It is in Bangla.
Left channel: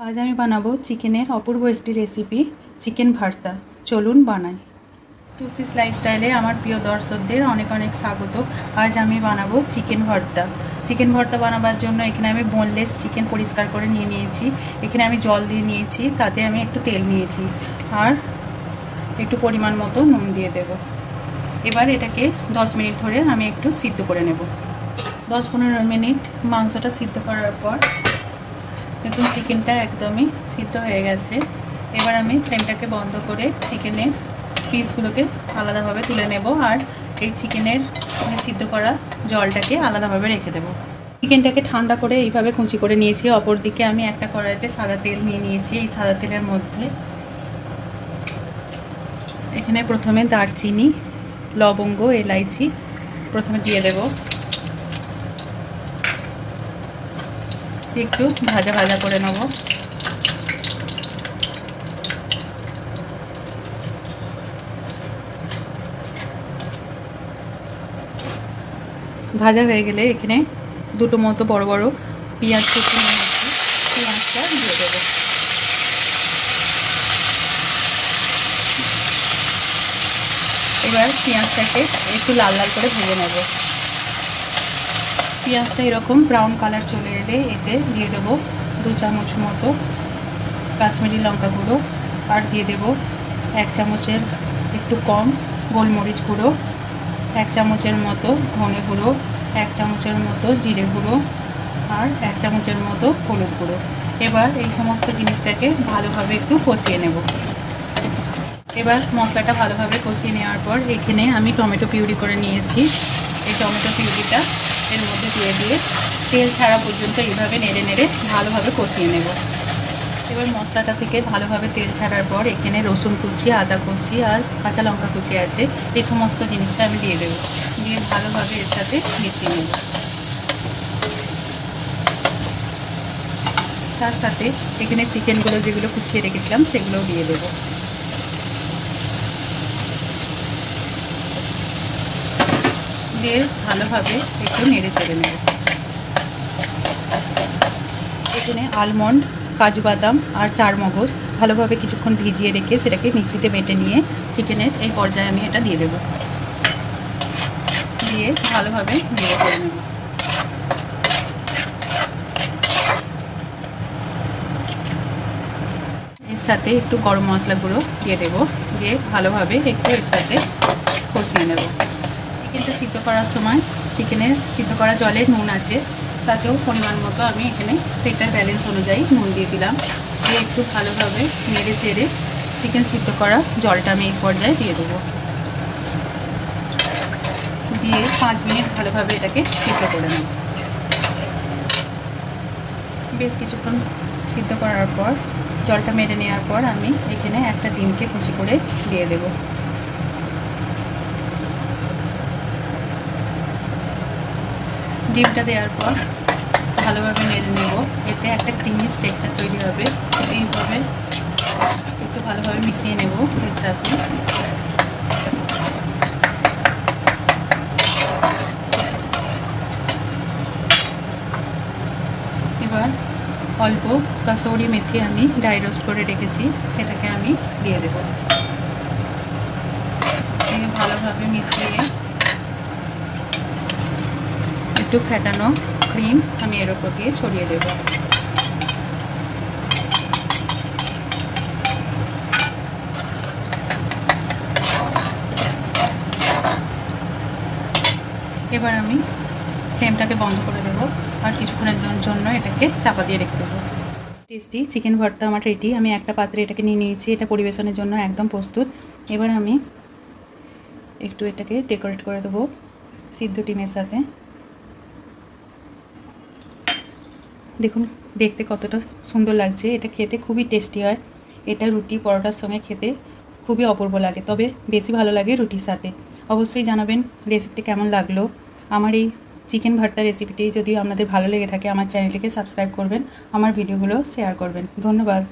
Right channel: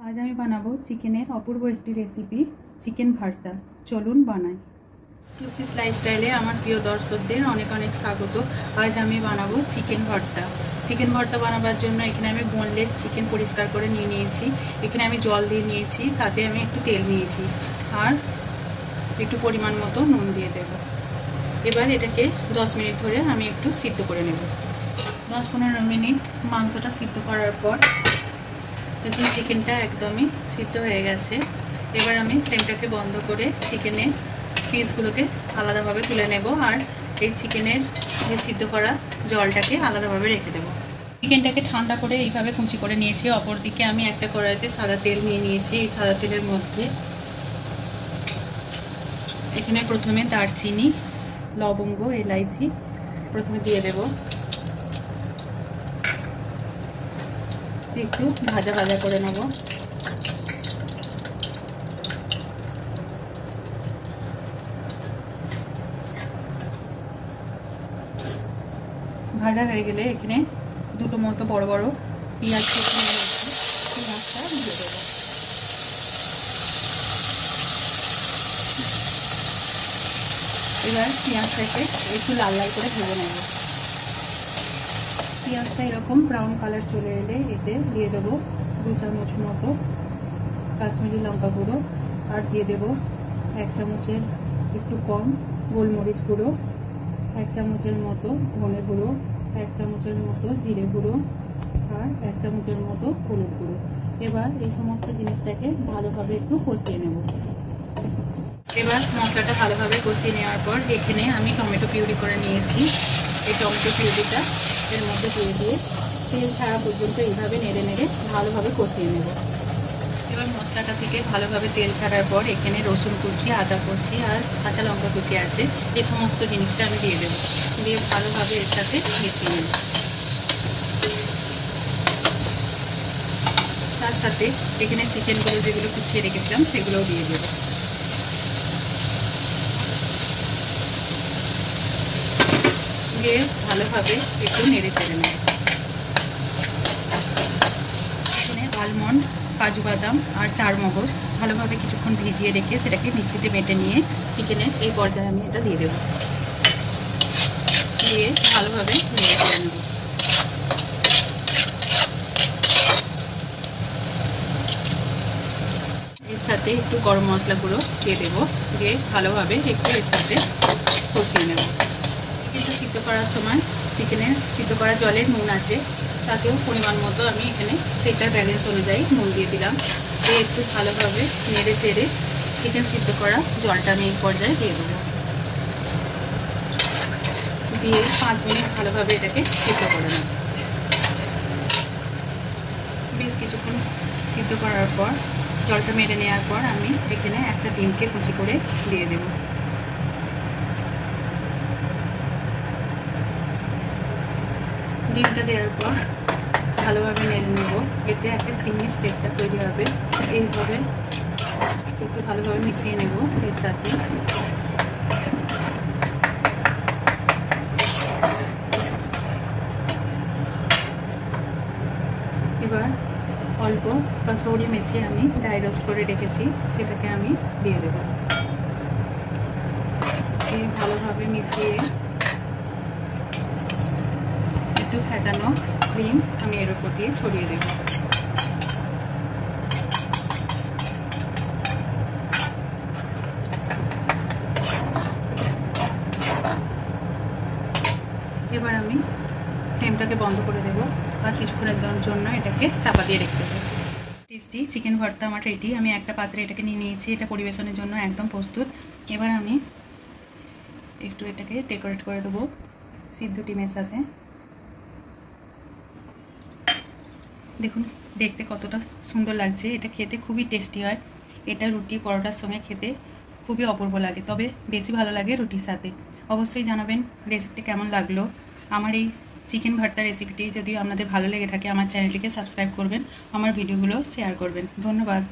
आज আমি বানাবো চিকেনের অপূর্ব একটি রেসিপি চিকেন ভর্তা। চলুন বানাই। টুসিস লাইফস্টাইলে আমার প্রিয় দর্শকদের অনেক অনেক স্বাগত। আজ আমি বানাবো চিকেন ভর্তা। চিকেন ভর্তা বানাবার জন্য এখানে আমি বোনলেস চিকেন পরিষ্কার করে নিয়ে নিয়েছি। এখানে আমি জল দিয়ে নিয়েছি, তাতে আমি একটু তেল নিয়েছি আর একটু পরিমাণ মতো নুন দিয়ে দেব। এবার এটাকে 10 মিনিট ধরে আমি একটু সিদ্ধ করে নেব। 10-15 মিনিট মাংসটা সিদ্ধ করার পর দেখুন চিকেনটা একদমই সিদ্ধ হয়ে গেছে। এবার আমি ফ্লেমটাকে বন্ধ করে চিকেনের পিসগুলোকে আলাদাভাবে তুলে নেব আর এই চিকেনের যে সিদ্ধ করা জলটাকে আলাদাভাবে রেখে দেব। চিকেনটাকে ঠান্ডা করে এইভাবে কুচি করে নিয়েছি। অপর দিকে আমি একটা কড়াইতে সাদা তেল নিয়ে নিয়েছি। এই সাদা তেলের মধ্যে এখানে প্রথমে দারচিনি, লবঙ্গ, এলাইচি প্রথমে দিয়ে দেব। একটু ভাজা ভাজা করে নেব। ভাজা হয়ে গেলে এখানে দুটো মতো বড় বড় পেঁয়াজ কেটে নিয়েছি, পেঁয়াজটা দিয়ে দেবো। এবার পেঁয়াজটাকে একটু লাল লাল করে ভেজে নেব। পেঁয়াজটা এরকম ব্রাউন কালার চলে এলে এতে দিয়ে দেবো 2 চামচ মতো কাশ্মীরি লঙ্কা গুঁড়ো আর দিয়ে দেব 1 চামচের একটু কম গোলমরিচ গুঁড়ো, 1 চামচের মতো ধনে গুঁড়ো, 1 চামচের মতো জিরে গুঁড়ো আর 1 চামচের মতো হলুদ গুঁড়ো। এবার এই সমস্ত জিনিসটাকে ভালোভাবে একটু কষিয়ে নেব। এবার মশলাটা ভালোভাবে কষিয়ে নেওয়ার পর এখানে আমি টমেটো পিউরি করে নিয়েছি। এই টমেটো পিউরিটা এর মধ্যে দিয়ে তেল ছাড়া পর্যন্ত এইভাবে নেড়ে নেড়ে ভালোভাবে কষিয়ে নেব। এবার মশলাটা থেকে ভালোভাবে তেল ছাড়ার পর এখানে রসুন কুচি, আদা কুচি আর কাঁচা লঙ্কা কুচি আছে, এই সমস্ত জিনিসটা আমি দিয়ে দেবো। দিয়ে ভালোভাবে এর সাথে মিশিয়ে নেব। তার সাথে এখানে চিকেনগুলো যেগুলো কুচিয়ে রেখেছিলাম সেগুলোও দিয়ে দেবো। দিয়ে ভালোভাবে একটু নেড়ে চেড়ে নেব। এখানে আলমন্ড, কাজু বাদাম আর চারমগজ ভালোভাবে কিছুক্ষণ ভিজিয়ে রেখে সেটাকে মিক্সিতে বেটে নিয়ে চিকেনের এই পর্যায়ে আমি এটা দিয়ে দেবো। দিয়ে ভালোভাবে নেড়ে চেড়ে নেব। এর সাথে একটু গরম মশলাগুলো দিয়ে দেবো। দিয়ে ভালোভাবে একটু এর সাথে কষিয়ে নেব। চিকেনটা সিদ্ধ করার সময় চিকেনের সিদ্ধ করা জলে নুন আছে, তাতেও পরিমাণ মতো আমি এখানে সেটার ব্যালেন্স অনুযায়ী নুন দিয়ে দিলাম। দিয়ে একটু ভালোভাবে নেড়ে চেড়ে চিকেন সিদ্ধ করা জলটা আমি এই পর্যায়ে দিয়ে দেবো। দিয়ে 5 মিনিট ভালোভাবে এটাকে সিদ্ধ করে নেব। বেশ কিছুক্ষণ সিদ্ধ করার পর জলটা মেরে নেওয়ার পর আমি এখানে একটা ডিমকে কুচি করে দিয়ে দেবো। ডিমটা দেওয়ার পর ভালোভাবে নেড়ে নেব। এতে একটা ক্রিমি টেক্সচার তৈরি হবে। এইভাবে একটু ভালোভাবে মিশিয়ে নেব এর সাথে। এবার অল্প কাসৌরি মেথি আমি ড্রাই রোস্ট করে রেখেছি, সেটাকে আমি দিয়ে দেব। দিয়ে ভালোভাবে মিশিয়ে একটু ফেটানো ক্রিম আমি এর উপর দিয়ে ছড়িয়ে দেব। এবার আমি ফ্লেমটাকে বন্ধ করে দেব আর কিছুক্ষণের জন্য এটাকে চাপা দিয়ে রেখে দেবো। টেস্টি চিকেন ভর্তা আমার রেডি। আমি একটা পাত্রে এটাকে নিয়ে নিয়েছি। এটা পরিবেশনের জন্য একদম প্রস্তুত। এবার আমি একটু এটাকে ডেকোরেট করে দেবো সিদ্ধ ডিমের সাথে। দেখুন দেখতে কতটা সুন্দর লাগছে। এটা খেতে খুবই টেস্টি হয়। এটা রুটি পরোটার সঙ্গে খেতে খুবই অপূর্ব লাগে, তবে বেশি ভালো লাগে রুটির সাথে। অবশ্যই জানাবেন রেসিপিটি কেমন লাগলো। আমার এই চিকেন ভর্তা রেসিপিটি যদি আপনাদের ভালো লেগে থাকে আমার চ্যানেলটিকে সাবস্ক্রাইব করবেন, আমার ভিডিওগুলো শেয়ার করবেন। ধন্যবাদ।